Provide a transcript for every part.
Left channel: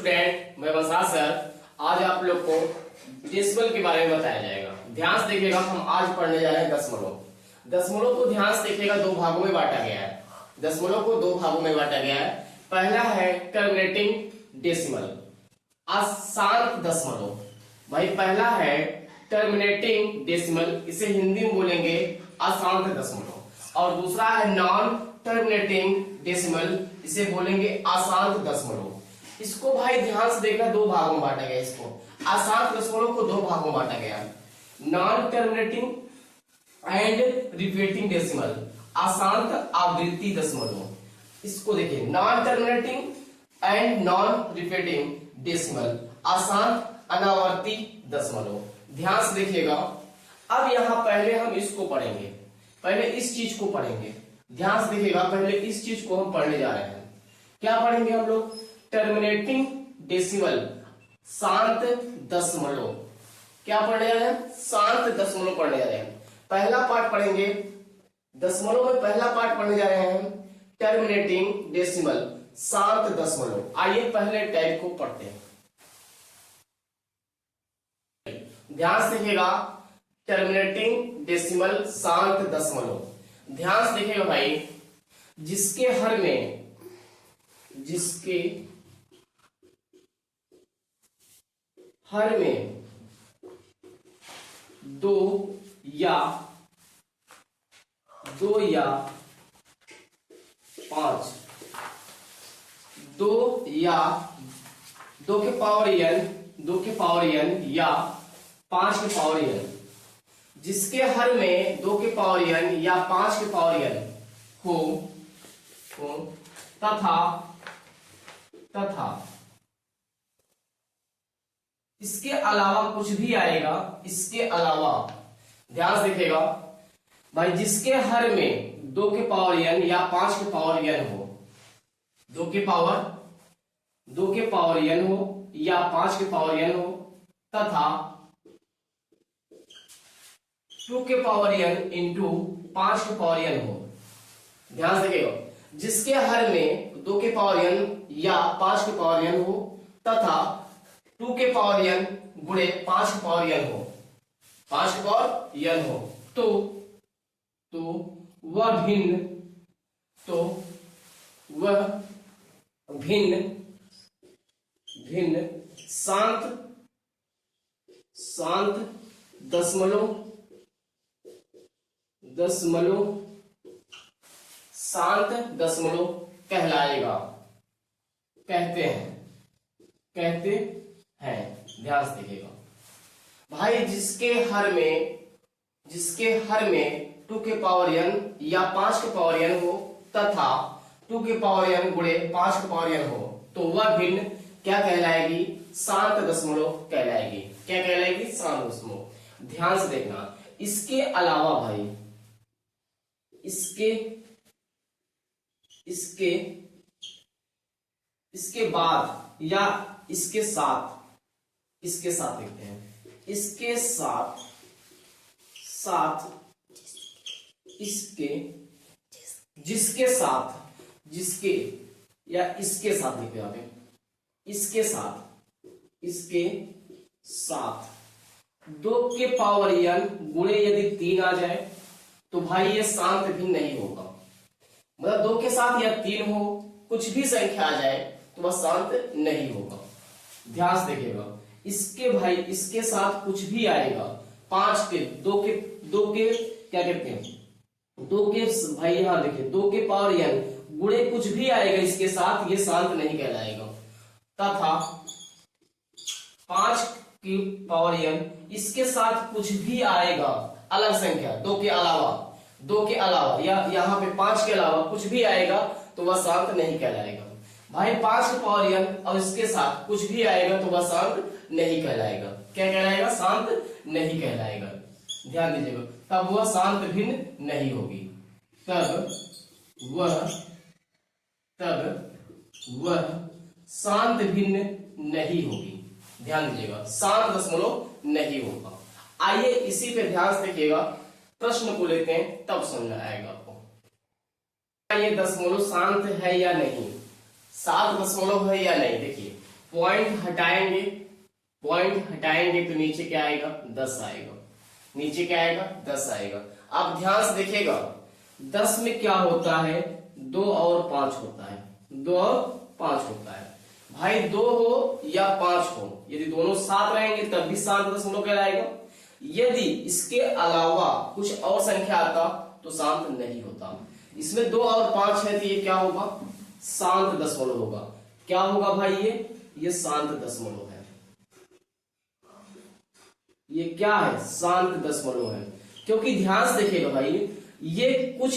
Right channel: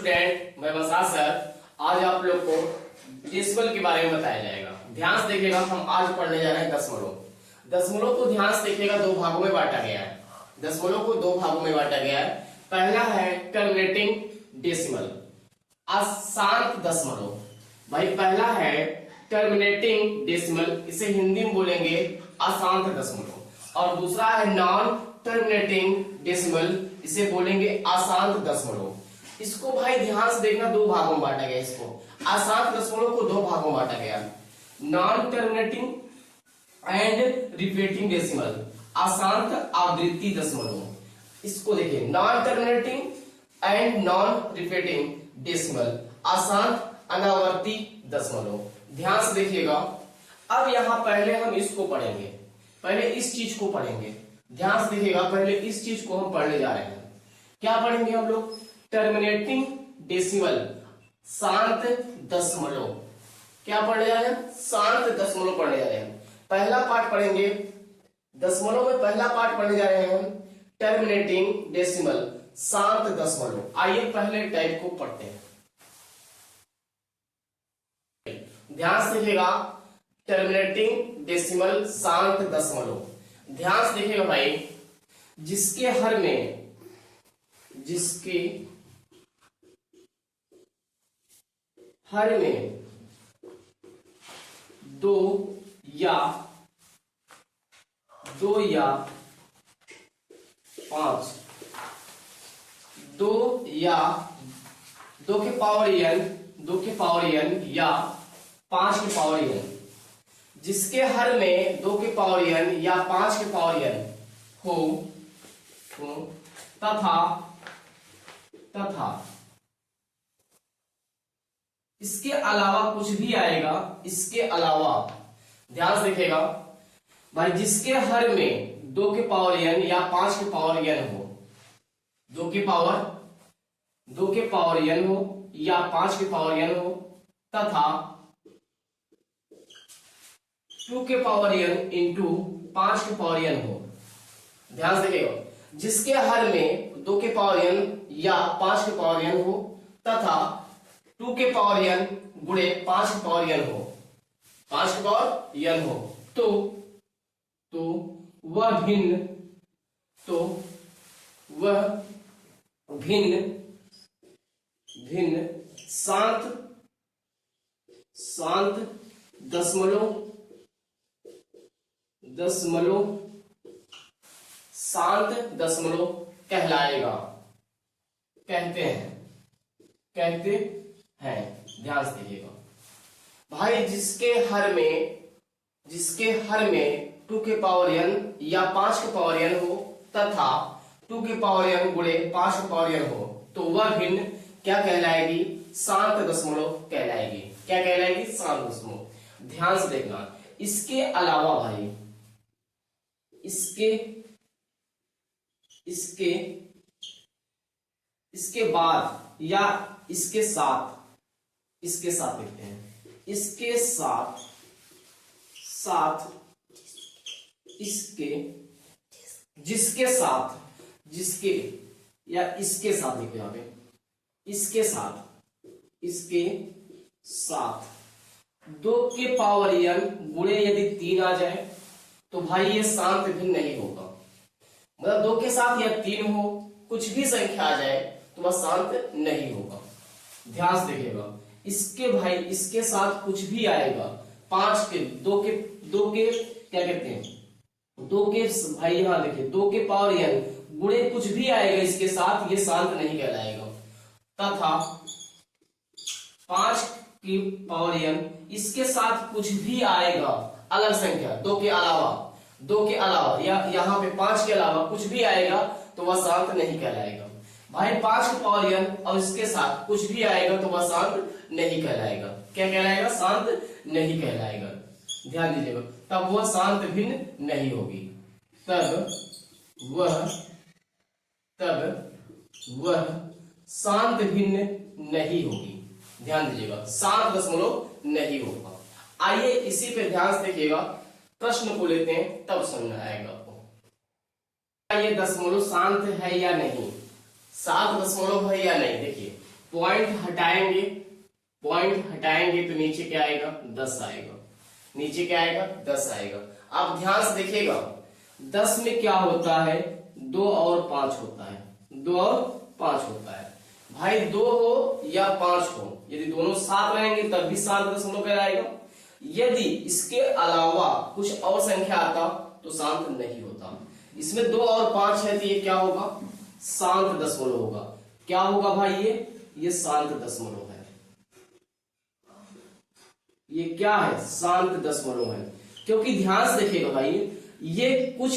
Student, मैं वंशा sir. आज आप लोग को डेसिमल के बारे में बताया जाएगा। ध्यान से देखिएगा, हम आज पढ़ने जा रहे हैं दशमलव। दशमलव को ध्यान से देखिएगा, दो भागों में बांटा गया है। दशमलव को दो भागों में बांटा गया है। पहला है टर्मिनेटिंग डेसिमल, अशांत दशमलव। भाई पहला है टर्मिनेटिंग डेसिमल, इसे हिंदी में बोलेंगे अशांत दशमलव। और दूसरा है नॉन टर्मिनेटिंग डेसिमल, इसे बोलेंगे अशांत दशमलव। इसको भाई ध्यान से देखना, दो भागों में बांटा गया। इसको अशांत दशमलव को दो भागों में बांटा गया, non terminating and repeating decimal, अशांत आवृत्ति दशमलव। इसको देखिए, non terminating and non repeating decimal, अशांत अनावर्ती दशमलव। ध्यान से देखिएगा। अब यहां पहले हम इसको पढ़ेंगे, पहले इस चीज को पढ़ेंगे। ध्यान से देखिएगा, पहले इस चीज को हम पढ़ने जा रहे हैं। क्या पढ़ेंगे हम लोग? टर्मिनेटिंग डेसिमल, शांत दशमलव। क्या पढ़ने जा रहे हैं? शांत दशमलव पढ़ने जा रहे हैं। पहला पार्ट पढ़ेंगे दशमलव में, पहला पार्ट पढ़ने जा रहे हैं टर्मिनेटिंग डेसिमल, शांत दशमलव। आइए पहले टाइप को पढ़ते हैं। ध्यान से देखिएगा, टर्मिनेटिंग डेसिमल, शांत दशमलव। ध्यान से देखिएगा भाई, जिसके हर में दो या पांच, दो के पावर n या पांच के पावर n, जिसके हर में दो के पावर n या पांच के पावर n हो तथा इसके अलावा कुछ भी आएगा। इसके अलावा ध्यान से देखिएगा भाई, जिसके हर में दो के पावर n या पांच के पावर n हो, दो के पावर n हो या पांच के पावर n हो, तथा 2 के पावर n इंटू 5 के पावर n हो। ध्यान से देखिएगा, जिसके हर में 2 के पावर n या 5 के पावर n हो तथा 2 के पावर n गुणे 5 के पावर n हो, 5 के पावर n हो, तो वह भिन्न शांत दशमलव शांत दशमलव कहलाएगा, कहते हैं। ध्यान से देखिएगा भाई, जिसके हर में 2 के पावर n या 5 के पावर n हो तथा 2 के पावर n गुणे 5 के पावर n हो, तो वह भिन्न क्या कहलाएगी? शांत दशमलव कहलाएगी। क्या कहलाएगी? शांत दशमलव। ध्यान से देखना, इसके अलावा भाई, इसके बाद या इसके साथ लिखते हैं, इसके साथ जिसके या इसके साथ लिखे आप, इसके साथ 2 के पावर n गुणे यदि 3 आ जाए तो भाई ये शांत भिन्न नहीं होगा। मतलब 2 के साथ या 3 हो, कुछ भी संख्या आ जाए तो वह शांत नहीं होगा। ध्यान से देखिएगा, इसके साथ कुछ भी आएगा, 5 के 2 के क्या कहते हैं, 2 के भाई यहां देखिए 2 के पावर n गुणे कुछ भी आएगा इसके साथ, ये शांत नहीं कहलाएगा। तथा 5 की पावर n, इसके साथ कुछ भी आएगा अलग संख्या, 2 के अलावा या यहाँ पे 5 के अलावा कुछ भी आएगा तो वह शांत नहीं कहलाएगा। भाई 5 के पावर n और इसके साथ कुछ भी आएगा तो वह शांत नहीं कहलाएगा। क्या कहलाएगा? शांत नहीं कहलाएगा। ध्यान दीजिएगा, तब वह शांत भिन्न नहीं होगी, तब वह शांत भिन्न नहीं होगी। ध्यान दीजिएगा, शांत दशमलव नहीं होगा। आइए इसी पे ध्यान से देखिएगा, प्रश्न को लेते हैं तब समझ आएगा आपको। ये दशमलव शांत है या नहीं, 7 दशमलव है या नहीं। देखिए पॉइंट हटाएंगे, पॉइंट हटाएंगे तो नीचे क्या आएगा 10 आएगा, नीचे क्या आएगा 10 आएगा। अब ध्यान से देखिएगा 10 में क्या होता है 2 और 5 होता है, 2 और 5 होता है। भाई 2 हो या 5 हो, यदि दोनों साथ रहेंगे तब भी शांत दशमलव कहलाएगा। यदि इसके अलावा कुछ और संख्या आता तो शांत नहीं होता। इसमें 2 और 5 है तो ये क्या होगा शांत दशमलव होगा। क्या होगा भाई ये शांत दशमलव है। ये क्या है शांत दशमलव है, क्योंकि ध्यान से देखिएगा भाई ये कुछ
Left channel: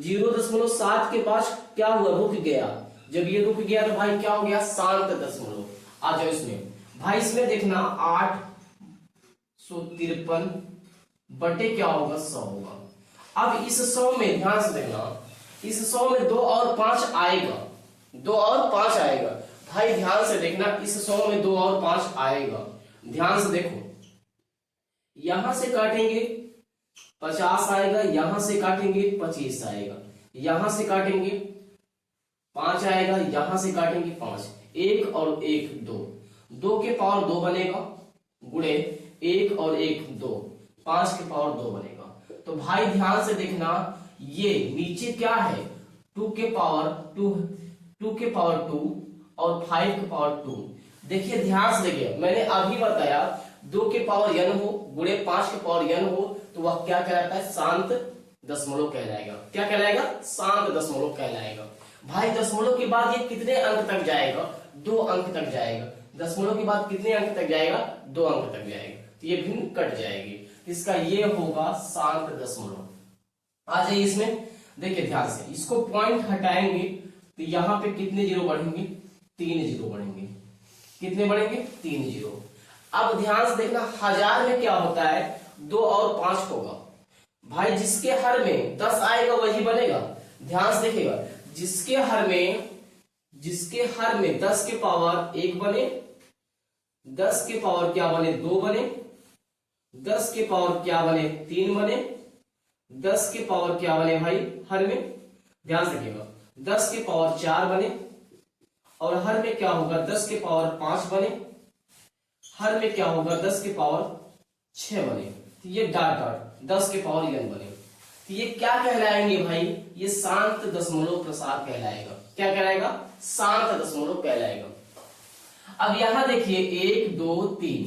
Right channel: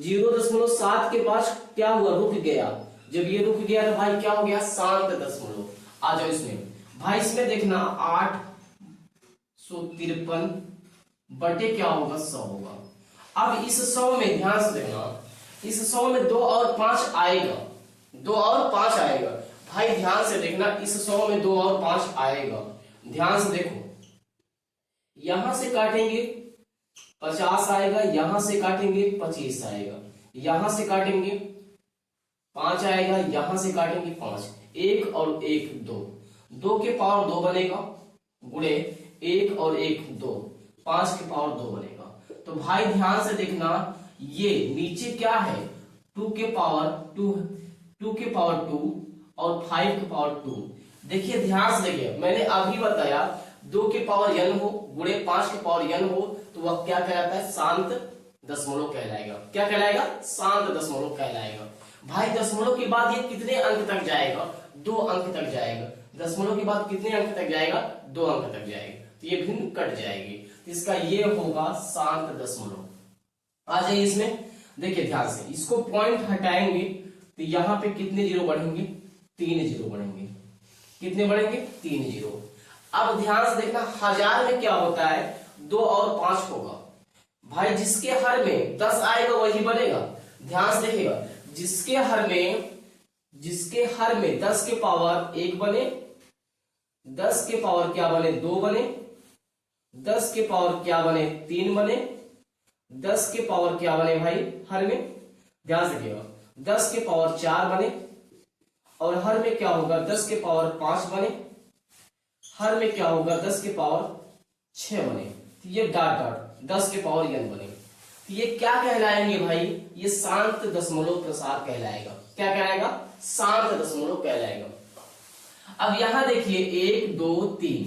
0.7 के पास क्या हुआ रुक गया। जब ये रुक गया तो भाई क्या हो गया शांत दशमलव। आ जाओ इसमें भाई, इसमें देखना 853 बटे क्या होगा 100 होगा। अब इस 100 में ध्यान से देखना, इस 100 में 2 और 5 आएगा, 2 और 5 आएगा। भाई ध्यान से देखना इस 100 में 2 और 5 आएगा। ध्यान से देखो यहां से काटेंगे 50 आएगा, यहां से काटेंगे 25 आएगा, यहां से काटेंगे 5 आएगा, यहां से काटेंगे 5, 1 और 1 2, 2 के पावर 2 बनेगा गुणे 1 और 1 2, 5 के पावर 2 बनेगा। तो भाई ध्यान से देखना ये नीचे क्या है 2 के पावर 2, 2 के पावर 2 और 5 के पावर 2। देखिए ध्यान से देखिए मैंने अभी बताया 2 के पावर n हो गुणे 5 के पावर n हो तो वह क्या कहलाता है शांत दशमलव कहलाएगा। क्या कहलाएगा शांत दशमलव कहलाएगा। भाई दशमलव के बाद ये कितने अंक तक जाएगा 2 अंक तक जाएगा। दशमलव के बाद कितने अंक तक जाएगा 2 अंक तक जाएगा, तो ये भिन्न कट जाएगी, इसका ये होगा शांत दशमलव। आ जाइए इसमें देखिए ध्यान से, इसको पॉइंट हटाएंगे तो यहाँ पे कितने जीरो बढ़ेंगे 3 जीरो बढ़ेंगे। कितने बढ़ेंगे 3 जीरो। अब ध्यान से देखना 1000 में क्या होता है 2 और 5 होगा। भाई जिसके हर में 10 आएगा वही बनेगा। ध्यान से देखिएगा जिसके हर में 10 के पावर 1 बने, 10 के पावर क्या बने 2 बने, 10 के पावर क्या बने 3 बने, 10 के पावर क्या बने भाई हर में ध्यान से देखिएगा 10 के पावर 4 बने, और हर में क्या होगा 10 के पावर 5 बने, हर में क्या होगा 10 के पावर 6 बने। तो ये डॉट डॉट 10 के पावर n बने। तो ये क्या कहलाएंगे भाई ये शांत दशमलव प्रसार कहलाएगा। क्या कहलाएगा शांत दशमलव कहलाएगा। अब यहां देखिए 1 2 3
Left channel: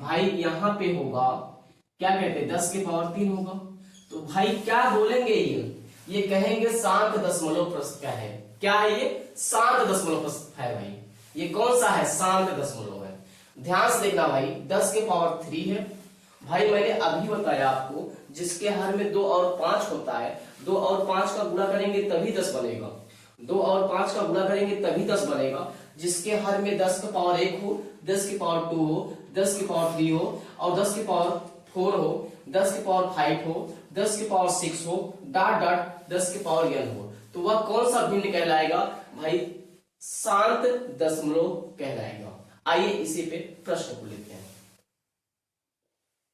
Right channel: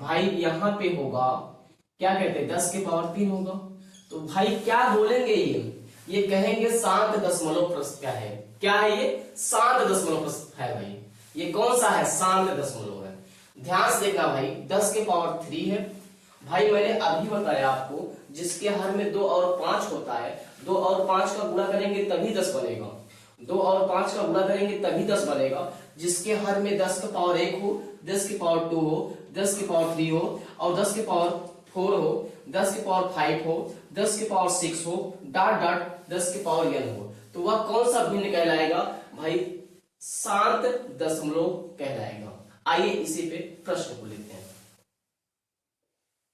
भाई यहां पे होगा क्या कहते हैं 10 के पावर 3 होगा। तो भाई क्या बोलेंगे ये कहेंगे शांत दशमलव क्या है, क्या है ये शांत दशमलव है भाई। ये कौन सा है शांत दशमलव है। ध्यान से देखना भाई 10 के पावर 3 है। भाई मैंने अभी बताया आपको जिसके हर में 2 और 5 होता है 2 और 5 का गुणा करेंगे तभी 10 बनेगा, 2 और 5 का गुणा करेंगे तभी 10 बनेगा। जिसके हर में 10 का पावर 1 हो, 10 के पावर 2 हो, 10 के पावर 3 हो और 10 के पावर 4 हो, 10 के पावर 5 हो, 10 के पावर 6 हो, डॉट डॉट 10 के पावर n हो, तो वह कौन सा भिन्न कहलाएगा भाई शांत दशमलव कहलाएगा। आइए इसी पे प्रश्न को लेते हैं।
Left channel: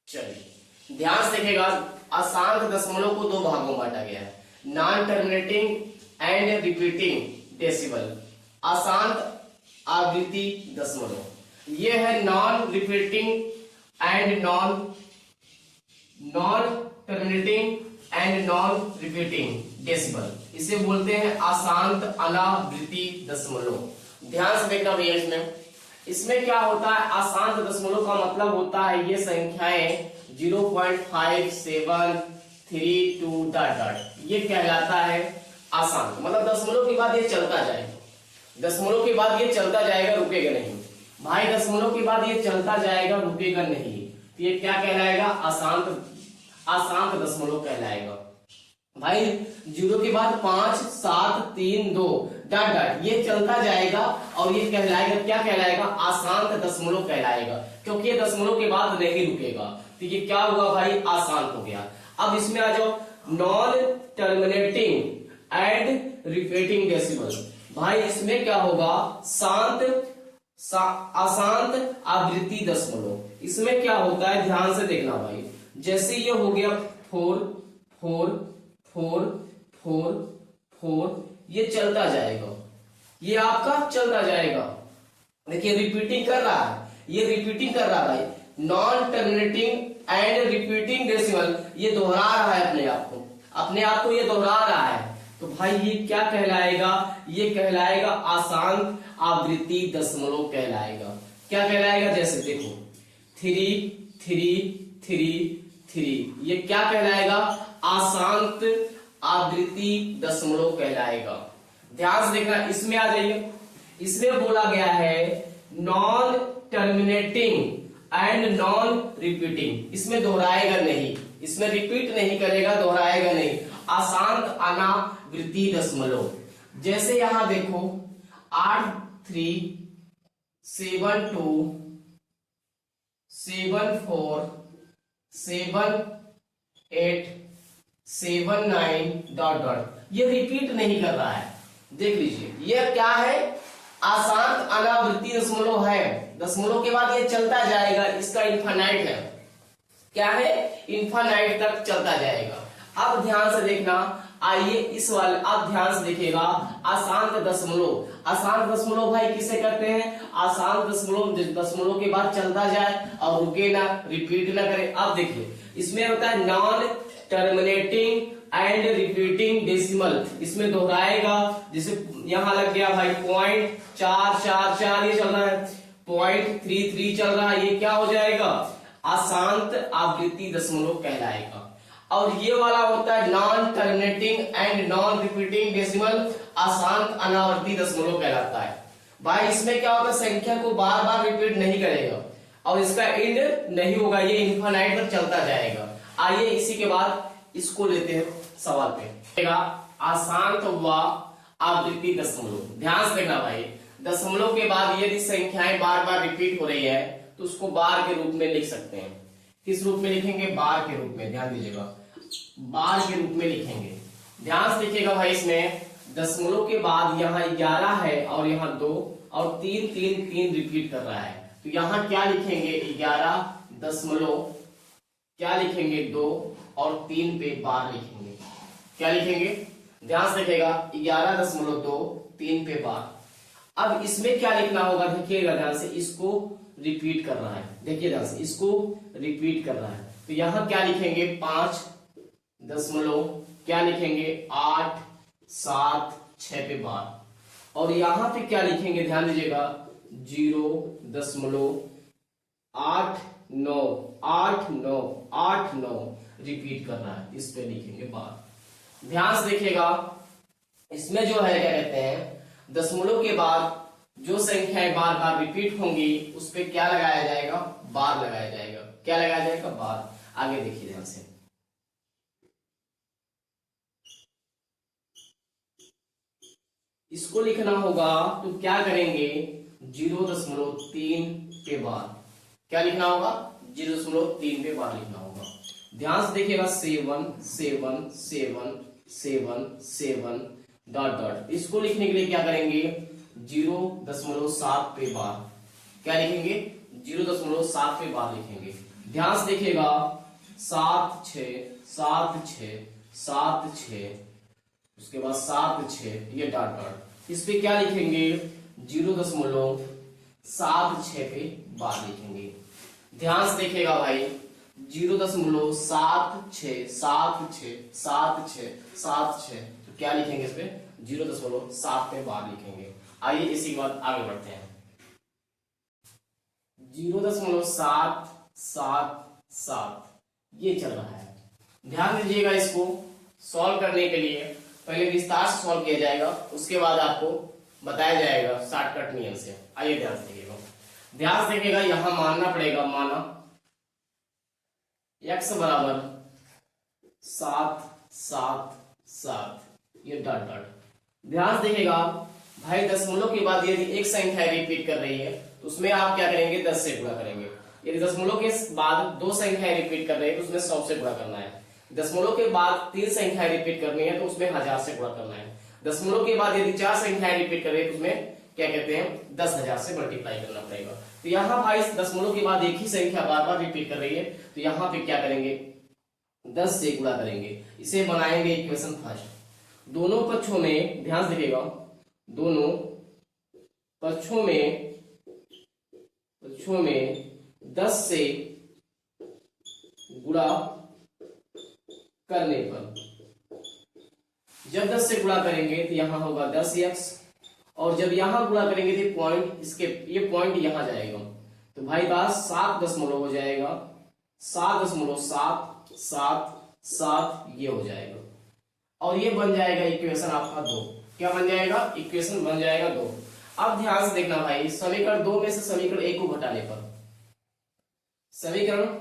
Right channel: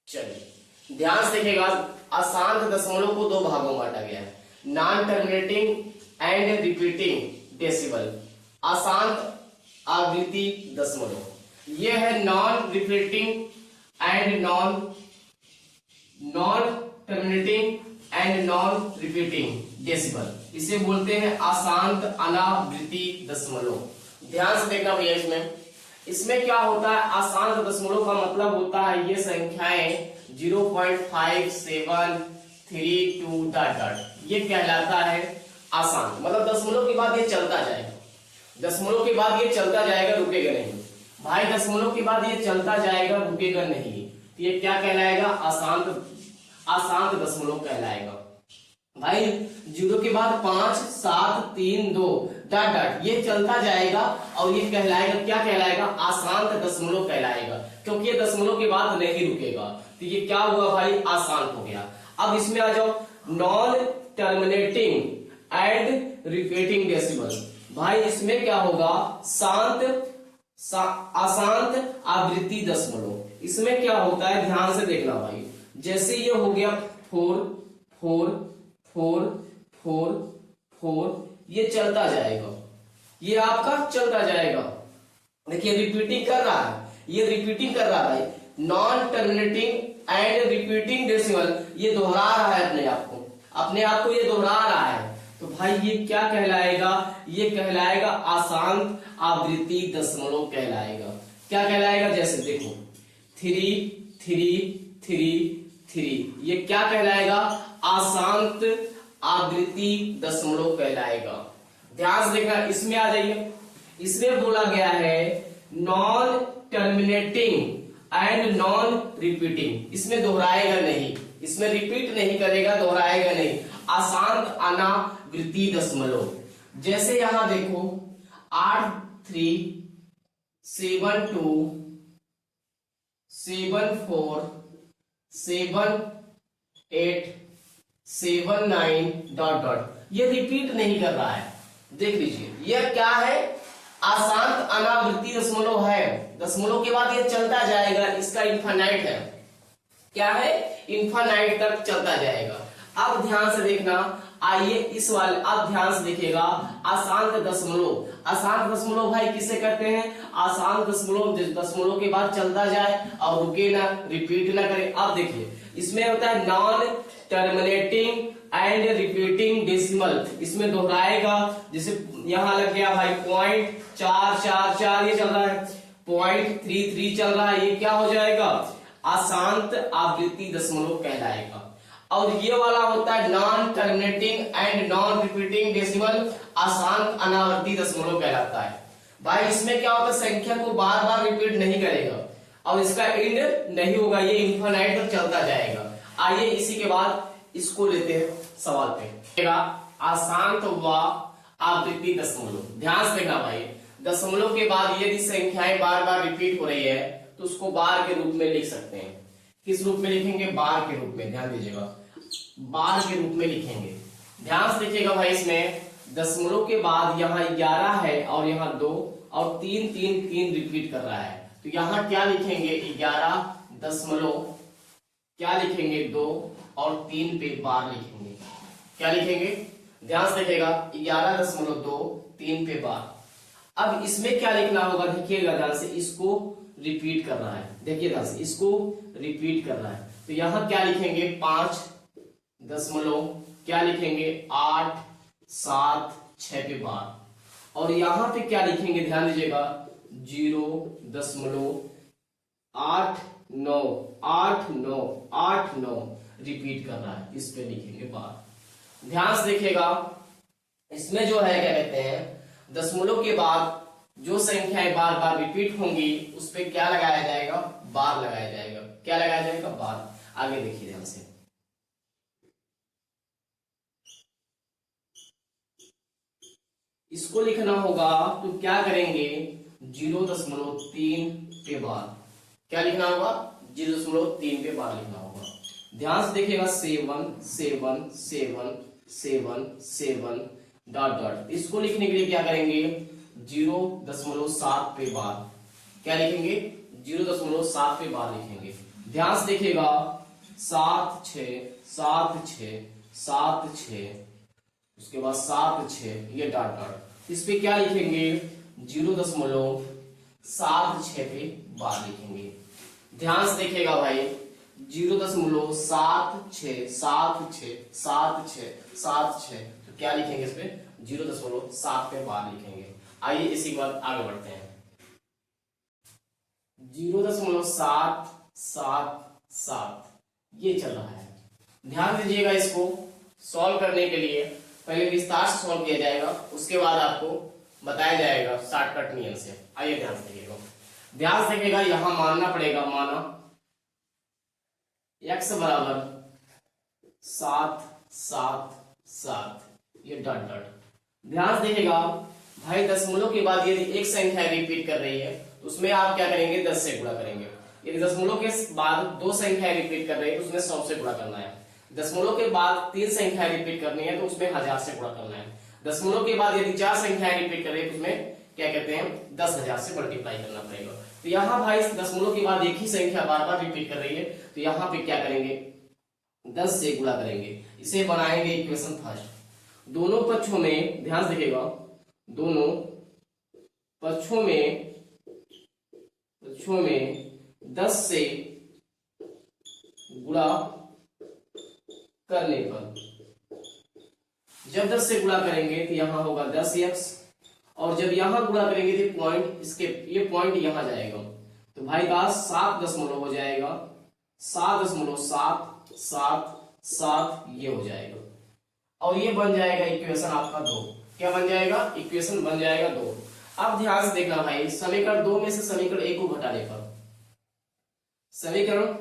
चलिए ध्यान से देखिएगा अशांत दशमलव को 2 भागों में बांटा गया है, non terminating and repeating decimal. अशांत आवृत्ति दशमलव ये है non repeating and non terminating and non repeating decimal, इसे बोलते हैं अशांत अनावृत्ति दशमलव। ध्यान से देखना भैया इसमें क्या होता है अशांत दशमलव का मतलब होता है ये संख्याएं 0.5 7 3 2 डॉट डॉट ये कहलाता है अशांत। मतलब दशमलव के बाद ये चलता जाएगा, दशमलव के बाद ये चलता जाएगा रुकेगा नहीं भाई, दशमलव के बाद ये चलता जाएगा रुकेगा नहीं। ये क्या कहलाएगा अशांत दशमलव कहलाएगा। भाई 0 के बाद 5 7 3 2 डॉट डॉट ये चलता जाएगा और ये कहलाएगा क्या कहलाएगा अशांत दशमलव कहलाएगा, क्योंकि ये दशमलव के बाद नहीं रुकेगा। तो ये क्या हुआ भाई अशांत हो गया। अब इसमें आ जाओ non terminating and repeating decimal. भाई इसमें क्या होगा अशांत आवृत्ति दशमलव। इसमें क्या होता है ध्यान से देखना भाई, जैसे ये हो गया 4 4 4 4 4 ये चलता जाएगा, ये आपका चलता जाएगा देखिए रिपीटिंग कर रहा है, ये रिपीटिंग कर रहा है भाई। Non terminating and repeating decimal, ये दोहरा रहा है अपने आप को ये दोहरा रहा है। तो भाई ये क्या कहलाएगा, ये कहलाएगा अशांत आवृत्ति दशमलव कहलाएगा। क्या कहलाएगा, जैसे देखो 3 3 3 3, ये क्या कहलाएगा, अशांत आवृत्ति दशमलव कहलाएगा। ध्यान से देखना, इसमें आ जाइए, इसमें बोला गया है non terminating and non repeating, इसमें दोहराएगा नहीं, इसमें रिपीट नहीं करेगा, दोहराएगा नहीं, अशांत अनावृत्ति दशमलव। जैसे यहां देखो 8 3 7 2 7 4 7 8 7 9 डॉट डॉट, ये रिपीट नहीं कर रहा है। देख लीजिए ये क्या है, अशांत अनावृत्ति दशमलव है, दशमलव के बाद ये चलता जाएगा, इसका इन्फानाइट है, क्या है, इन्फानाइट तक चलता जाएगा। अब ध्यान से देखना, आइए इस वाले, अब ध्यान से देखिएगा, अशांत दशमलव, अशांत दशमलव भाई किसे कहते हैं, अशांत दशमलव, दशमलव के बाद चलता जाए और रुके ना, रिपीट ना करे। अब देखिए इसमें होता है non terminating and repeating decimal, इसमें दोहराएगा, जैसे यहां लग गया भाई 0.444, ये चल रहा है 0.33 चल रहा है, ये क्या हो जाएगा, अशांत आवृत्ति दशमलव कहलाएगा। और ये वाला होता है non terminating and non repeating decimal, अशांत अनावर्ती दशमलव कहलाता है। भाई इसमें क्या होता है, संख्या को बार बार रिपीट नहीं करेगा और इसका एंड नहीं होगा, ये इन्फिनाइट तक चलता जाएगा। आइए इसी के बाद इसको लेते हैं सवाल पे, अशांत व आवृत्ति दशमलव। ध्यान से देखना भाई, दशमलव के बाद यदि संख्याएं बार बार रिपीट हो रही है तो उसको बार के रूप में लिख सकते हैं। किस रूप में लिखेंगे, बार के रूप में, ध्यान दीजिएगा, बार के रूप में लिखेंगे। ध्यान से देखिएगा भाई, इसमें दशमलव के बाद यहाँ 11 है और यहाँ 2 और 3 3 3 रिपीट कर रहा है, तो यहाँ क्या लिखेंगे, 11 दशमलव, क्या लिखेंगे 2 और 3 पे बार लिखेंगे, क्या लिखेंगे, ध्यान से देखिएगा 11.2 3 पे बार। अब इसमें क्या लिखना होगा, देखिएगा ध्यान से, इसको रिपीट कर रहा है, देखिए ध्यान से, इसको रिपीट कर रहा है, तो यहां क्या लिखेंगे 5 दशमलव, क्या लिखेंगे 8 7 6 पे बार, और यहां पे क्या लिखेंगे, ध्यान दीजिएगा 0.8 9 8 9 8 9 रिपीट कर रहा है, इस पे लिखेंगे बार। ध्यान से देखिएगा, इसमें जो है क्या कहते हैं, दशमलव के बाद जो संख्याएं बार बार रिपीट होंगी उस पे क्या लगाया जाएगा, बार लगाया जाएगा, क्या लगाया जाएगा, बार। आगे देखिए ध्यान से, इसको लिखना होगा तो क्या करेंगे, 0.3 पे बार, क्या लिखना होगा, 0.3 पे बार लिखना होगा। ध्यान से देखिएगा 7 7 7 7 7 डॉट डॉट, इसको लिखने के लिए क्या करेंगे, 0.7 पे बार, क्या लिखेंगे, 0.7 पे बार लिखेंगे। ध्यान से देखिएगा 7 6 7 6 7 6, उसके बाद 7 6, ये डॉट डॉट, इस पे क्या लिखेंगे, 0.76 पे बार लिखेंगे। ध्यान से देखिएगा भाई, 0.76 7 6 7 6 7 6, तो क्या लिखेंगे, इस पे 0.7 पे बार लिखेंगे। आइए इसी के बाद आगे बढ़ते हैं, 0.777 ये चल रहा है। ध्यान दीजिएगा, इसको सॉल्व करने के लिए पहले विस्तार से सॉल्व किया जाएगा, उसके बाद आपको बताया जाएगा शॉर्टकट नियम से। आइए ध्यान से देखिएगा, ध्यान से देखिएगा, यहां मानना पड़ेगा, माना x बराबर 7 7 7, ये डॉट डॉट। ध्यान से देखिएगा भाई, दशमलव के बाद यदि एक संख्या रिपीट कर रही है तो उसमें आप क्या करेंगे, 10 से गुणा करेंगे। यदि दशमलव के बाद 2 संख्याएं रिपीट कर रही है तो उसमें 100 से गुणा करना है। दशमलव के बाद 3 संख्याएं रिपीट करनी है तो उसमें 1000 से गुणा करना है। दशमलव के बाद यदि 4 संख्याएं रिपीट कर रही है तो उसमें क्या कहते हैं, 10,000 से मल्टीप्लाई करना पड़ेगा। तो यहाँ भाई दशमलव के बाद एक ही संख्या बार बार रिपीट कर रही है, तो यहाँ पे क्या करेंगे, 10 से गुणा करेंगे। इसे बनाएंगे इक्वेशन फर्स्ट। दोनों पक्षों में ध्यान से देखिएगा, दोनों पक्षों में पक्षों में 10 से गुणा करने पर, जब 10 से गुणा करेंगे तो यहां होगा 10x, और जब यहां गुणा करेंगे तो पॉइंट इसके ये पॉइंट यहां जाएगा, तो भाई का 7 दशमलव हो जाएगा, 7.777 ये हो जाएगा, और ये बन जाएगा इक्वेशन आपका 2। क्या बन जाएगा? इक्वेशन बन जाएगा 2। अब ध्यान से देखना भाई, समीकरण 2 में से समीकरण 1 को घटाने पर, समीकरण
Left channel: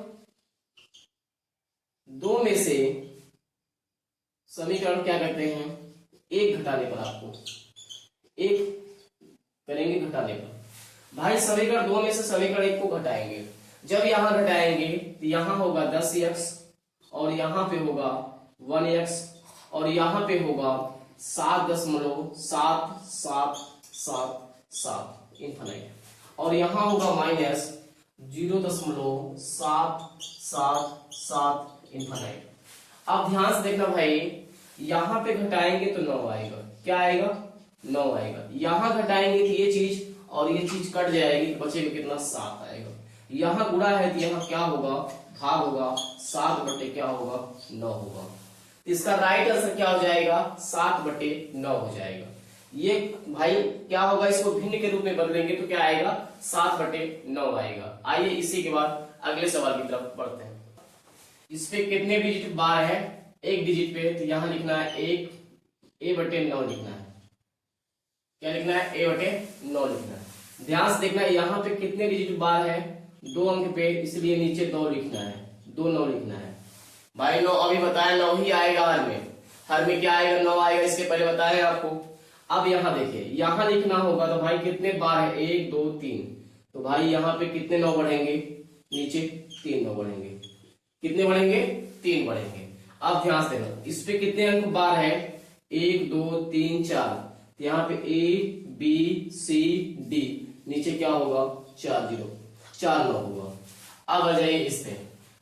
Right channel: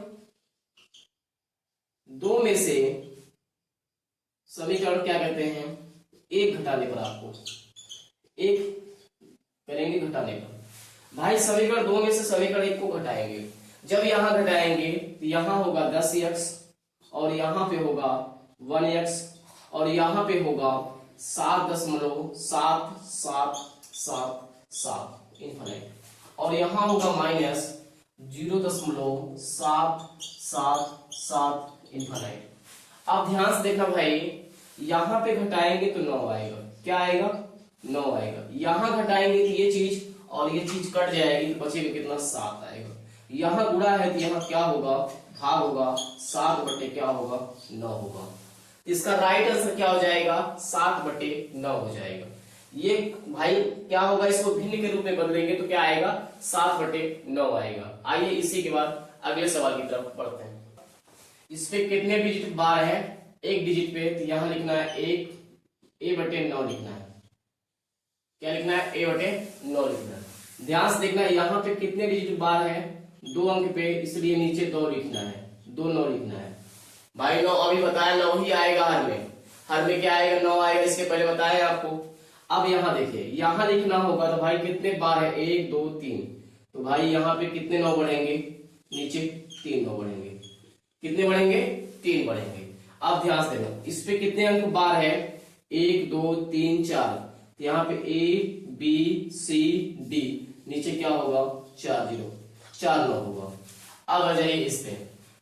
2 में से समीकरण क्या करते हैं, 1 घटाने पर, आपको 1 करेंगे घटाने पर। भाई समीकरण 2 में से समीकरण 1 को घटाएंगे, जब यहां घटाएंगे तो यहां होगा 10x, और यहां पे होगा 1x, और यहां पे होगा 7.777 इनफाइनाइट, और यहां होगा माइनस 0.777 इनफाइनाइट। अब ध्यान से देखना भाई, यहां पे घटाएंगे तो 9 आएगा। क्या आएगा? 9 आएगा। यहां घटाएंगे तो ये चीज और ये चीज कट जाएगी, तो बचेगा कितना? 7 आएगा। यहां गुणा है तो यहां क्या होगा? भाग होगा, 7 क्या होगा? 9 होगा। इसका राइट आंसर क्या हो जाएगा? 7/9 हो जाएगा। ये भाई क्या होगा, इसको भिन्न के रूप में बदलेंगे तो क्या आएगा? 7/9 आएगा। आइए इसी के बाद अगले सवाल की तरफ बढ़ते हैं। इस पे कितने डिजिट बार है? एक डिजिट पे, तो यहां लिखना है 1 a/9 लिखना है। क्या लिखना है? a/9 लिखना है। ध्यान से देखना, यहाँ पे कितने डिजिट बार है? 2 अंक पे, इसलिए नीचे 2 लिखना है, 2 9 लिखना है। भाई 9 अभी बताया 9 ही आएगा हर में। हर में क्या आएगा? 9 आएगा, इसके पहले बताया आपको। अब यहाँ देखिए, यहाँ लिखना होगा तो भाई कितने बार है? 1 2 3, तो भाई यहाँ पे कितने 9 बढ़ेंगे? नीचे 3 9 बढ़ेंगे। कितने बढ़ेंगे? 3 बढ़ेंगे। अब ध्यान से देखो, इस पे कितने अंक बार है? 1 2 3 4, तो यहाँ पे A B C D, नीचे क्या होगा? 4 0, 4 9 होगा। अब आ जाइए इस पे,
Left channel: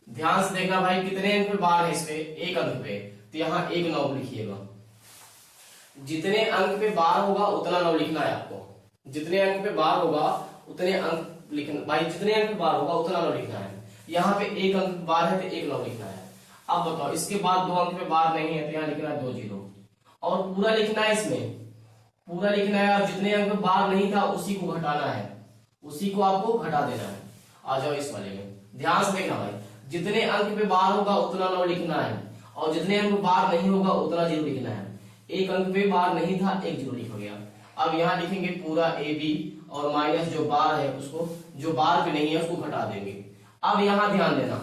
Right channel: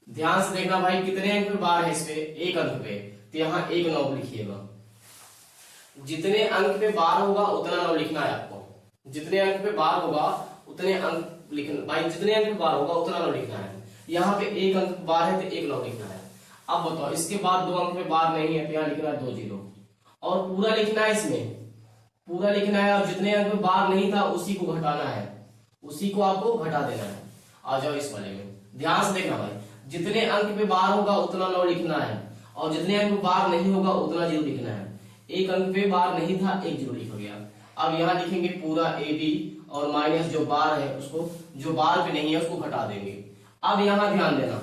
ध्यान से देखना भाई कितने अंक पे बार है? इस पे 1 अंक पे, तो यहाँ 1 9 लिखिएगा। जितने अंक पे बार होगा उतना 9 लिखना है आपको। जितने अंक पे बार होगा उतने अंक लिखना भाई, जितने अंक पे बार होगा उतना 9 लिखना है। यहाँ पे 1 अंक बार है तो 1 9 लिखना है। अब बताओ, इसके बाद 2 अंक पे बार नहीं है तो यहाँ लिखना है 2 0, और पूरा लिखना है, इसमें पूरा लिखना है, और जितने अंक पे बार नहीं था उसी को घटाना है, उसी को आपको घटा देना है। आ जाओ इस वाले में, ध्यान से देखना भाई, जितने अंक पे बार होगा उतना 9 लिखना है, और जितने अंक पे बार नहीं होगा उतना 0 लिखना है। 1 अंक पे बार नहीं था, 1 0 लिख गया। अब यहाँ लिखेंगे पूरा AB, और माइनस जो बार है उसको, जो बार पे नहीं है उसको घटा देंगे। अब यहाँ ध्यान देना,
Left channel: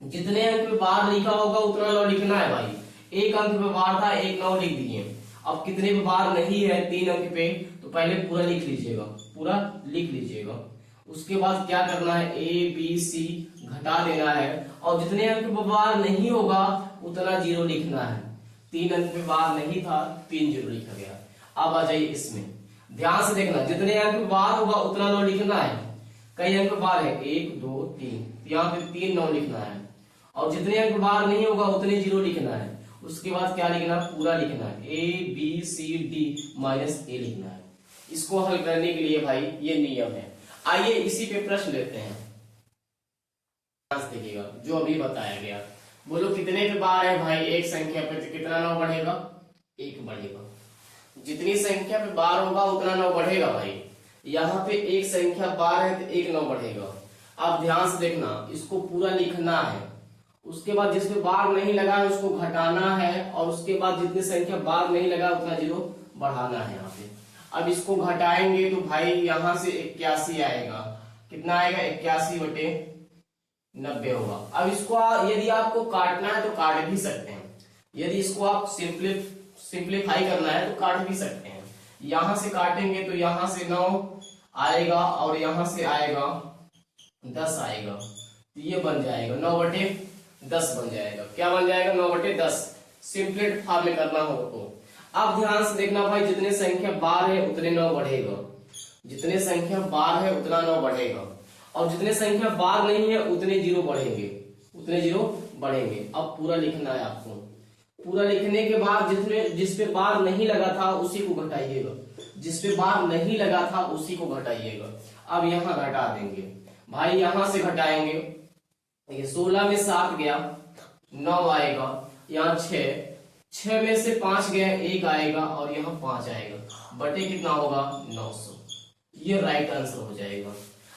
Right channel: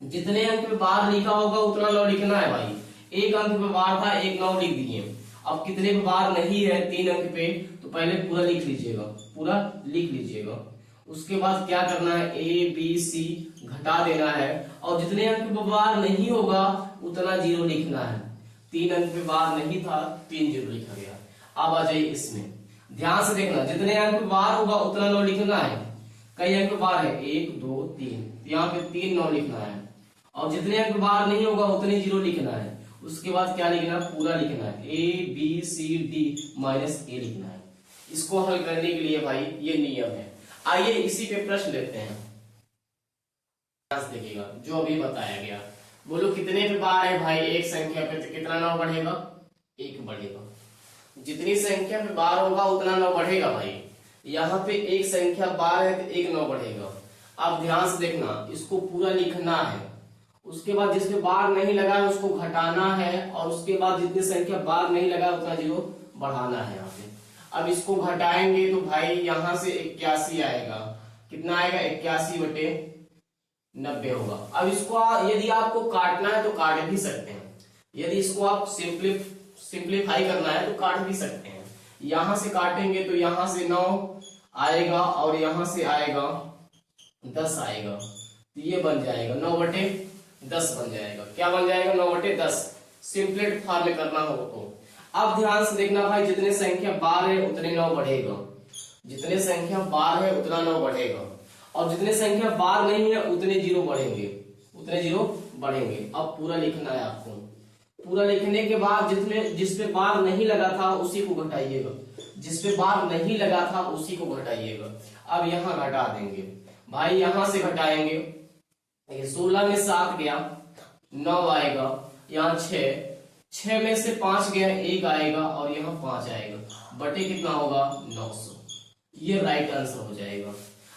जितने अंक पे बार लिखा होगा उतना 9 लिखना है भाई। 1 अंक पे बार था, 1 9 लिख दिए। अब कितने पे बार नहीं है? 3 अंक पे, तो पहले पूरा लिख लीजिएगा, पूरा लिख लीजिएगा। उसके बाद क्या करना है? A B C घटा देना है, और जितने अंक पे बार नहीं होगा उतना 0 लिखना है। 3 अंक पे बार नहीं था, 3 0 लिखा गया। अब आ जाइए इसमें, ध्यान से देखना, जितने अंक पे बार होगा उतना 9 लिखना है। कई अंक बार है? 1 2 3, यहाँ पे 3 9 लिखना है, और जितने अंक बार नहीं होगा उतने 0 लिखना है। उसके बाद क्या लिखना है? पूरा लिखना है, A B C D minus A लिखना है। इसको हल करने के लिए भाई ये नियम है। आइए इसी पे प्रश्न लेते हैं। देखिएगा जो अभी बताया गया, बोलो कितने पे बार है भाई? एक संख्या पे, तो कितना 9 बढ़ेगा? 1 बढ़ेगा। जितनी संख्या पे बार होगा उतना 9 बढ़ेगा भाई। यहाँ पे एक संख्या बार है तो 1 9 बढ़ेगा। अब ध्यान से देखना, इसको पूरा लिखना है, उसके बाद जिसमें बार नहीं लगा है उसको घटाना है, और उसके बाद जितनी संख्या बार नहीं लगा उतना 0 बढ़ाना है यहाँ पे। अब इसको घटाएंगे तो भाई यहाँ से 81 आएगा। कितना आएगा? 81/90 होगा। अब इसको यदि आपको काटना है तो काट भी सकते हैं, यदि इसको आप सिंप्लीफाई करना है तो काट भी सकते हैं। यहां से काटेंगे तो यहां से 9 आएगा, और यहां से आएगा 10 आएगा, तो ये बन जाएगा 9/10 बन जाएगा। क्या बन जाएगा? 9/10। सिंप्लीफाई में करना हो तो। अब ध्यान से देखना भाई, जितने संख्या बार है उतने 9 बढ़ेगा, जितने संख्या बार है उतना 9 बढ़ेगा, और जितने संख्या बार नहीं है उतने 0 बढ़ेंगे, उतने 0 बढ़ेंगे। अब पूरा लिखना है आपको। पूरा लिखने के बाद जिसपे बार नहीं लगा था उसी को घटाइएगा, जिसपे बार नहीं लगा था उसी को घटाइएगा। अब यहाँ घटा देंगे, भाई यहां से घटाएंगे, ये 16 में 7 गया 9 आएगा, यहाँ 6 में से 5 गया 1 आएगा और यहाँ 5 आएगा, बटे कितना होगा 900। ये राइट आंसर हो जाएगा।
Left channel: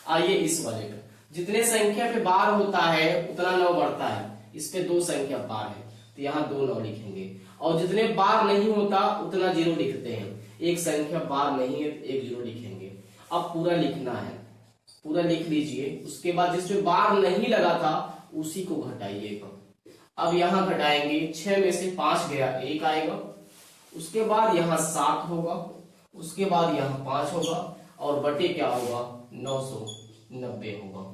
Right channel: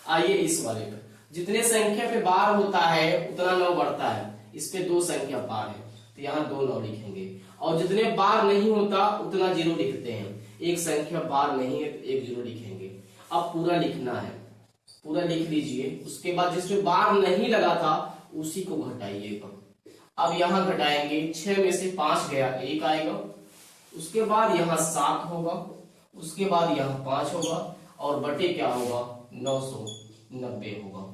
आइए इस वाले पे, जितने संख्या पे बार होता है उतना 9 बढ़ता है, इस पे 2 संख्या बार है तो यहाँ 2 9 लिखेंगे, और जितने बार नहीं होता उतना 0 लिखते हैं, एक संख्या बार नहीं है तो 1 0 लिखेंगे। अब पूरा लिखना है, पूरा लिख लीजिए, उसके बाद जिसमें बार नहीं लगा था उसी को घटाइएगा। अब यहाँ घटाएंगे, 6 में से 5 गया 1 आएगा, उसके बाद यहाँ 7 होगा, उसके बाद यहाँ 5 होगा और बटे क्या होगा 990 होगा।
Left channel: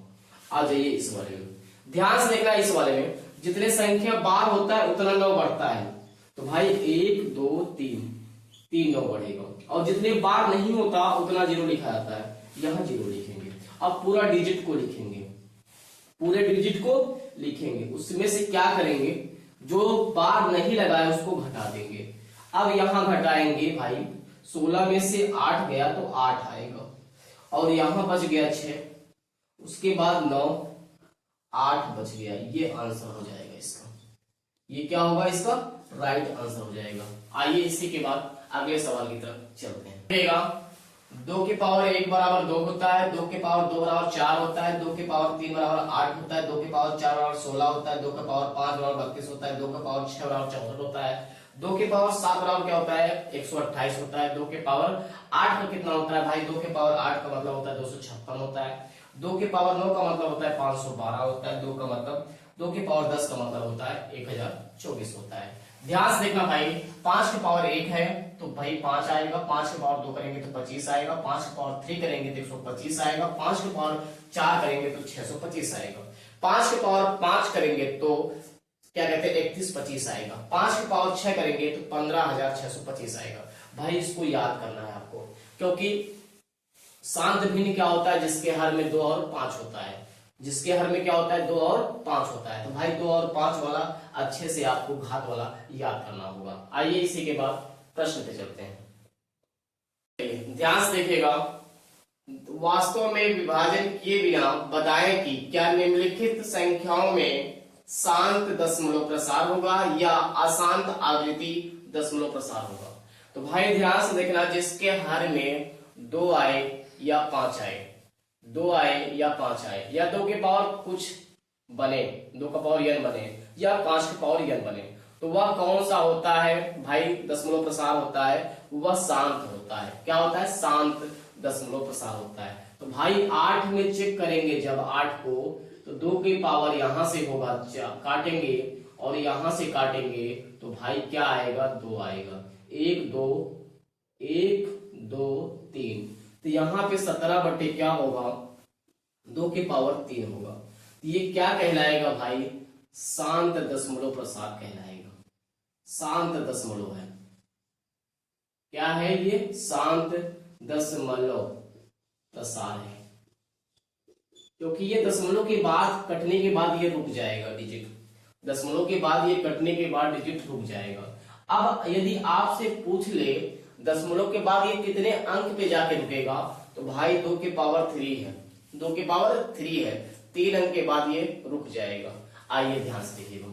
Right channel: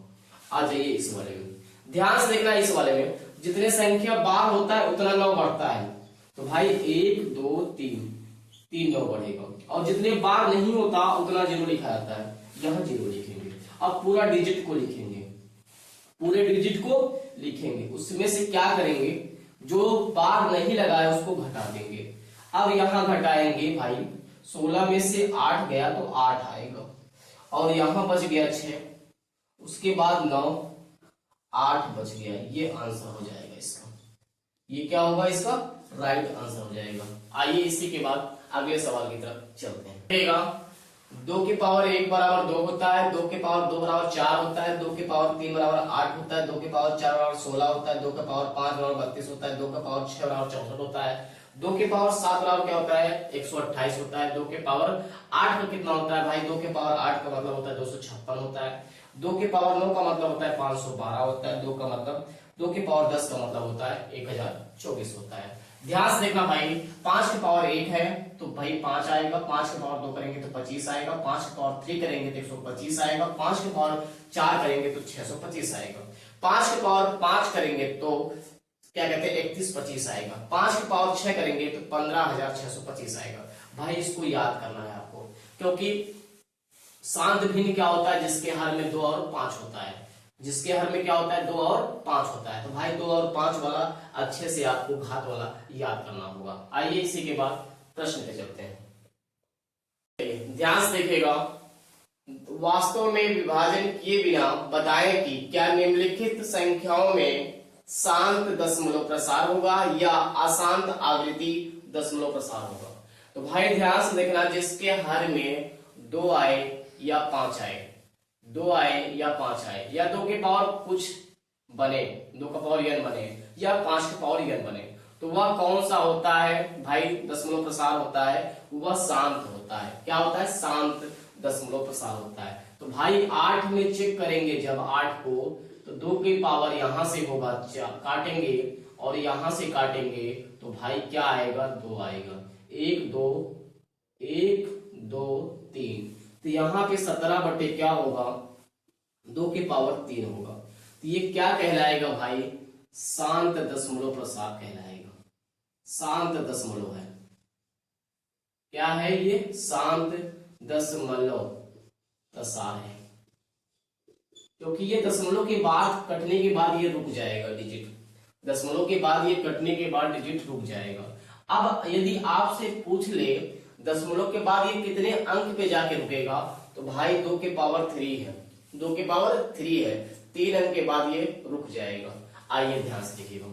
आ जाइए इस वाले में, ध्यान से देखना, इस वाले में जितने संख्या बार होता है उतना 9 बढ़ता है, तो भाई 1 2 3 9 बढ़ेगा, और जितने बार नहीं होता उतना 0 लिखा जाता है, यहाँ 0 लिखेंगे। अब पूरा डिजिट को लिखेंगे, पूरे डिजिट को लिखेंगे, उसमें से क्या करेंगे, जो बार नहीं लगा है उसको घटा देंगे। अब यहाँ घटाएंगे भाई, 16 में से 8 गया तो 8 आएगा, और यहाँ बच गया 6, उसके बाद 9 8 बच गया, ये आंसर हो जाएगा इसका, ये क्या होगा इसका राइट आंसर हो जाएगा। आइए इसी के बाद अगले सवाल की तरफ चलते हैं। 2 की पावर 1 बराबर 2 होता है, 2 के पावर 2 बराबर 4 होता है, 2 के पावर 3 बराबर 8 होता है, 2 के पावर 4 बराबर 16 होता है, 2 का पावर 5 बराबर 32 होता है, 2 का पावर 6 बराबर 64 होता है, 2 के पावर 7 बराबर क्या होता है 128 होता है, 2 के पावर 8 का कितना होता है भाई, 2 के पावर 8 का मतलब होता है 256 होता है, 2 के पावर 9 का मतलब होता है 512 होता है, 2 का मतलब 2 के पावर 10 का मतलब होता है 1024 होता है। ध्यान से देखना भाई, 5 के पावर 1 है तो भाई 5 आएगा, 5 के पावर 2 करेंगे तो 25 आएगा, 5 के पावर 3 करेंगे तो 125 आएगा, 5 के पावर 4 करेंगे तो 625 आएगा, 5 के पावर 5 करेंगे तो क्या कहते हैं 3125 आएगा, 5 के पावर 6 करेंगे तो 15625 आएगा। भाई इसको याद करना है आपको, क्योंकि शांत भिन्न क्या होता है, जिसके हर में 2 और 5 होता है, जिसके हर में क्या होता है 2 और 5 होता है, तो भाई 2 और 5 वाला अच्छे से आपको घात वाला याद करना होगा। आइए इसी के बाद प्रश्न पे चलते हैं, ध्यान से देखिएगा। वास्तव में विभाजन किए बिना बताएं कि क्या निम्नलिखित संख्याओं में शांत दशमलव प्रसार होगा या अशांत आवृत्ति दशमलव प्रसार होगा। तो भाई ध्यान से देखना, जिसके हर में 2 आए या 5 आए, 2 आए या 5 आए, या 2 के पावर कुछ बने, 2 का पावर n बने, या 5 के पावर n बने, तो वह कौन सा होता है भाई दशमलव प्रसार होता है, वह शांत होता है। क्या होता है, शांत दशमलव प्रसार होता है। तो भाई 8 में चेक करेंगे, जब 8 को, तो 2 की पावर यहां से होगा, काटेंगे और यहां से काटेंगे तो भाई क्या आएगा 2 आएगा, 1 2 1 2 3, तो यहाँ पे 17 बटे क्या होगा 2 के पावर 3 होगा। तो ये क्या कहलाएगा भाई, शांत दशमलव प्रसार कहलाएगा, शांत दशमलव है, क्या है ये शांत दशमलव प्रसार है, क्योंकि ये दशमलव के बाद कटने के बाद ये रुक जाएगा डिजिट, दशमलव के बाद ये कटने के बाद डिजिट रुक जाएगा। अब यदि आपसे पूछ ले दशमलव के बाद ये कितने अंक पे जाके रुकेगा, तो भाई 2 के पावर 3 है, 2 के पावर 3 है, 3 अंक के बाद ये रुक जाएगा। आइए ध्यान से देखिएगा,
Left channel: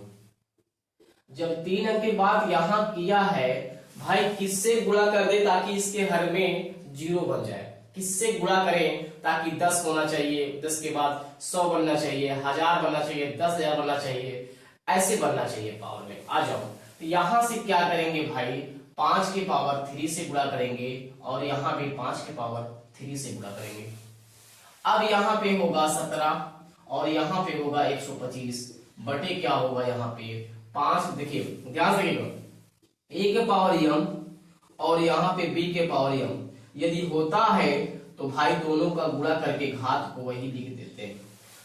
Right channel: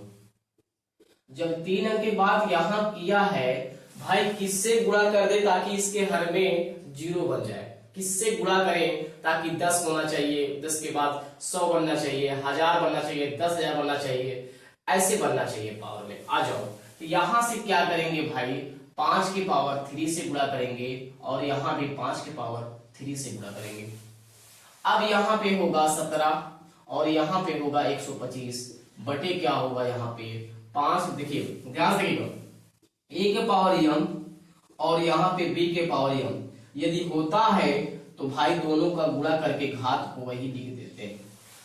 जब 3 अंक के बाद यहां किया है भाई, किससे गुणा कर दे ताकि इसके हर में 0 बन जाए, किससे गुणा करें ताकि 10 होना चाहिए, 10 के बाद 100 बनना चाहिए, 1000 बनना चाहिए, 10,000 बनना चाहिए, ऐसे बनना चाहिए पावर में। आ जाओ, तो यहां से क्या करेंगे भाई, 5 के पावर 3 से गुणा करेंगे और यहां भी 5 के पावर 3 से गुणा करेंगे। अब यहां पे होगा 17 और यहां पे होगा 125 बटे क्या होगा यहाँ पे 5। देखिए ध्यान से, a के पावर m और यहाँ पे b के पावर m यदि होता है तो भाई दोनों का गुणा करके घात को वही लिख देते हैं।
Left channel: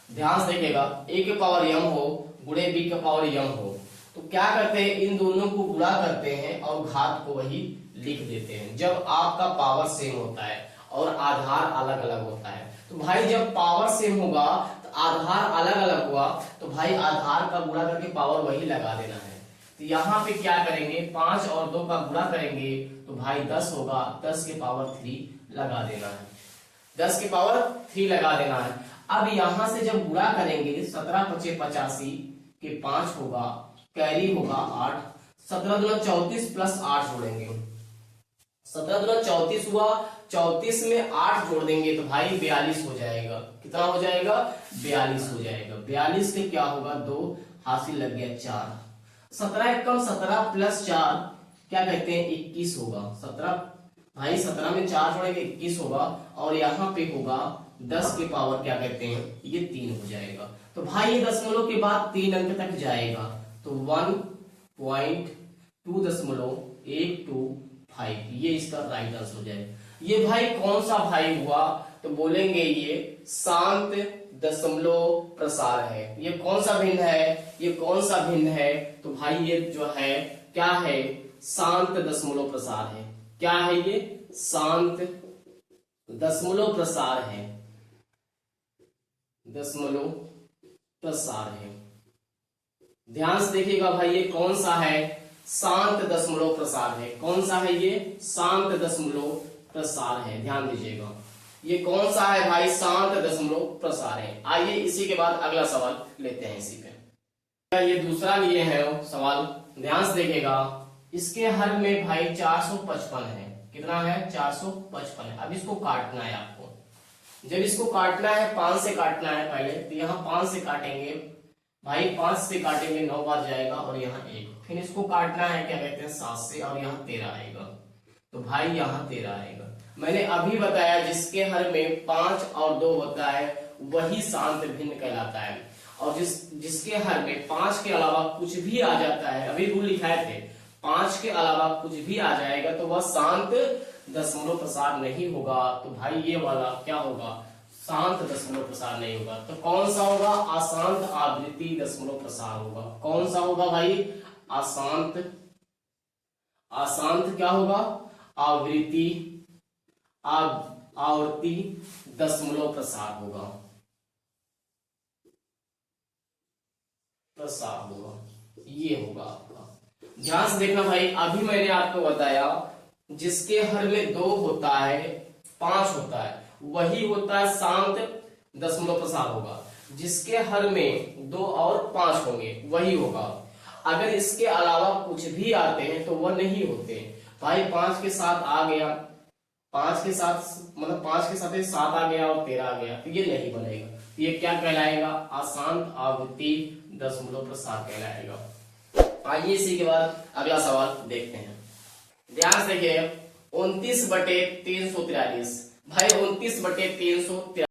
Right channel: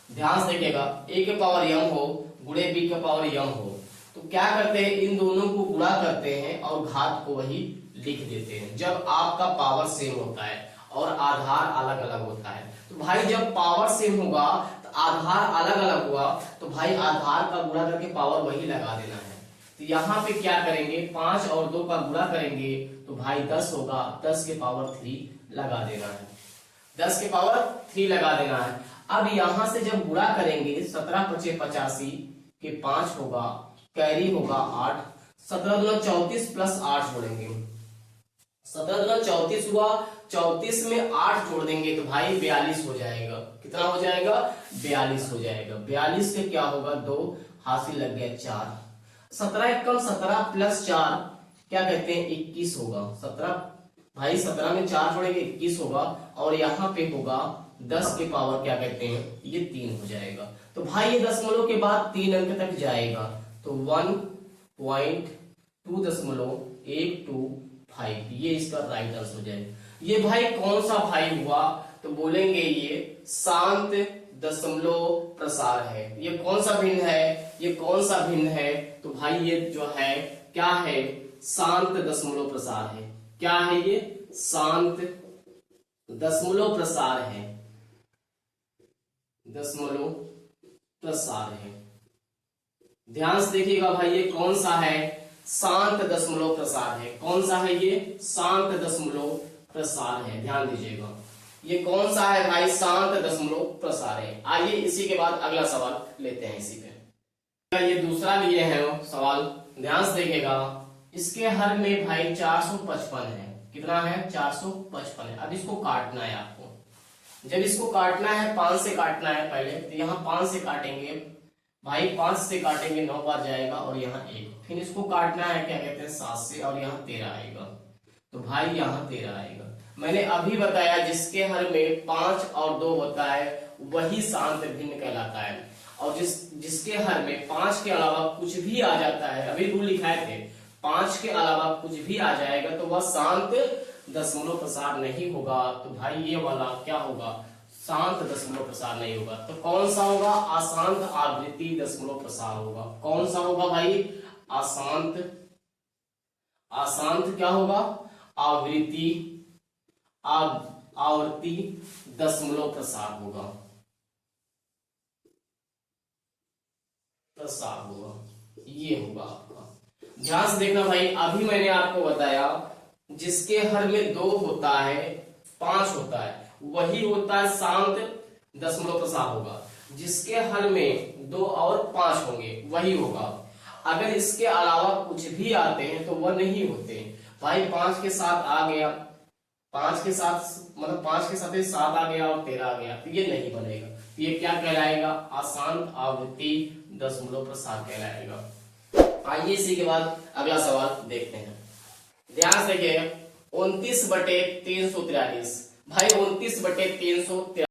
ध्यान से देखिएगा, a के पावर m हो गुणे b के पावर m हो, तो क्या करते हैं इन दोनों को गुणा करते हैं और घात को वही लिख देते हैं। जब आपका पावर सेम होता है और आधार अलग अलग होता है, तो भाई जब पावर सेम होगा तो आधार अलग अलग हुआ, तो भाई आधार का गुणा करके पावर वही लगा देना है। तो यहाँ पे क्या करेंगे, 5 और 2 का गुणा करेंगे तो भाई 10 होगा, 10 के पावर 3 लगा देना है, 10 के पावर 3 लगा देना है। अब यहां से जब गुणा करेंगे 17×5 के 5 होगा, कैरी होगा 8, 17×34 प्लस 8 जोड़ेंगे, 17×34 हुआ, 34 में 8 जोड़ देंगे तो भाई 42 हो जाएगा। कितना हो जाएगा? 42 हो जाएगा। 42 के क्या होगा? 2, हासिल लग गया 4, 17×17 प्लस 4 क्या कहते हैं? 21 होगा। 17 भाई 17 में 4 जोड़ेंगे 21 होगा, और यहाँ पे होगा 10 के पावर क्या कहते हैं? ये 3 हो जाएगा। तो भाई ये दशमलव के बाद 3 अंक तक जाएगा, तो 1.2.125, ये इसका राइट आंसर हो जाएगा। ये भाई कौन सा भाई हुआ? तो बोलेंगे ये शांत दशमलव प्रसार है। ये कौन सा भिन्न है? ये कौन सा भिन्न है? तो भाई ये जो है क्या है? शांत दशमलव प्रसार है। क्या है ये? शांत दशमलव प्रसार है, दशमलव प्रसार है। ध्यान से देखिएगा भाई, ये कौन सा है? शांत दशमलव प्रसार है। कौन सा है ये? शांत दशमलव प्रसार है। ध्यान दीजिएगा, ये कौन सा है भाई? शांत दशमलव प्रसार है। आइए इसी के बाद अगला सवाल लेते हैं इसी पे। ये दूसरा लिए है सवाल, ध्यान से देखिएगा। इसके हर में भाई 455 है। कितना है? 455 है। अब इसको काटना है आपको। जब इसको काटना है 5 से काटना है पहले, तो यहाँ 5 से काटेंगे भाई, 5 से काटेंगे 9 बार जाएगा, और यहाँ 1। फिर इसको काटना है क्या कहते हैं? 7 से, और यहाँ 13 आएगा, तो भाई यहाँ 13 आएगा। मैंने अभी बताया जिसके हर में 5 और 2 होता है वही शांत भिन्न कहलाता है, और जिसके हर में 5 के अलावा कुछ भी आ जाता है, अभी रूल लिखाए थे, 5 के अलावा कुछ भी आ जाएगा तो वह शांत दशमलव प्रसार नहीं होगा। तो भाई ये वाला क्या होगा? शांत दशमलव प्रसार नहीं होगा। तो कौन सा होगा? अशांत आवृत्ति दशमलव प्रसार होगा। कौन सा होगा भाई? अशांत, अशांत क्या होगा? आवृत्ति, आवृत्ति दशमलव प्रसार होगा, प्रसार होगा, ये होगा आपका। ध्यान से देखना भाई, अभी मैंने आपको बताया जिसके हर में 2 होता है, 5 होता है, वही होता है शांत दशमलव प्रसार होगा। जिसके हर में 2 और 5 होंगे वही होगा। अगर इसके अलावा कुछ भी आते हैं तो वह नहीं होते भाई। 5 के साथ आ गया, 5 के साथ मतलब 5 के साथ 7 आ गया और 13 आ गया, तो ये नहीं बनेगा। तो ये क्या कहलाएगा? अशांत आवृत्ति दशमलव प्रसार कहलाएगा। आइए इसी के बाद अगला सवाल देखते हैं। ध्यान से देखिए, 29/343 भाई, 29/343